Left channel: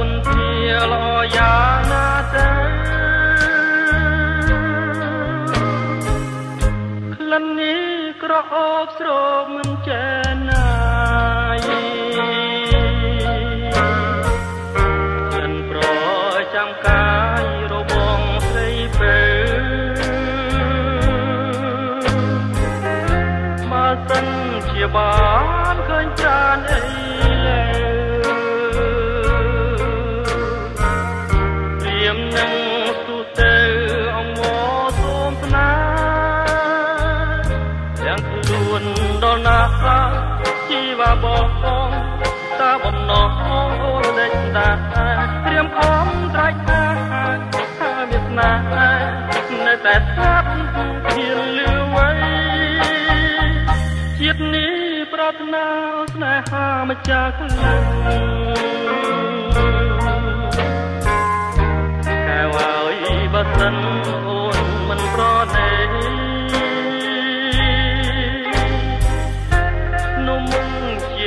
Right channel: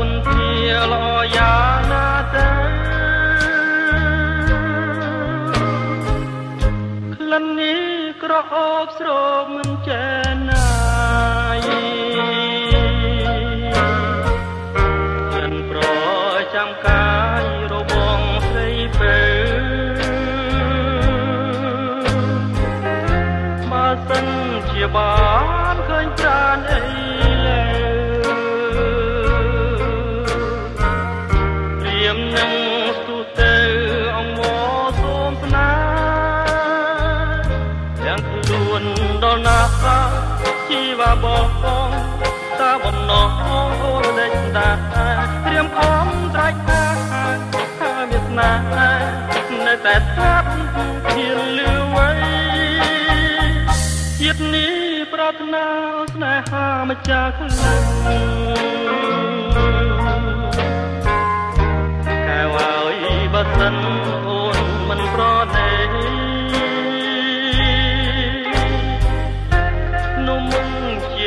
គុណជាល្អយ៉ាងណាទៅក្លិននេះក្រអូបស្រោបមិនចេះណាយមិនប្រចាំកាយរបងស្រីពេលបើសិនជាបានឃើញចានអីដល់ណាជីវ៉ាបងតាបំណងអូនដេញតាត្រៀមខំត្រាច់ថាមានស្នេហ៍នៅតែស្ងាត់ហ៊ានលឺໄວជាតិនេះប្រាថ្នាស្នេហាម្ចាស់ក្លែងកែវឲ្យបើសិនអូនមិនប្រណេ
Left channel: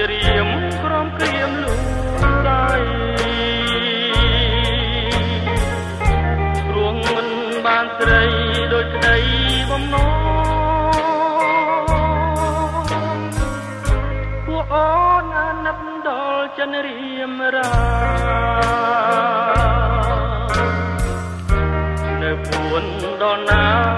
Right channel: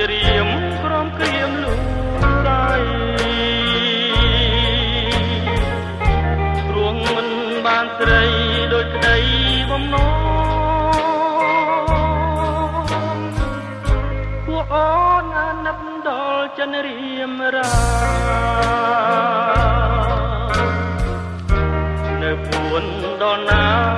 រៀមក្រំក្រៀមលូរ៉ៃព្រោះមិនបានស្រីដូចក្តីបំណងពួកអូនអាណិតដល់ចិនរៀមរ៉ានៅពួនដល់ណា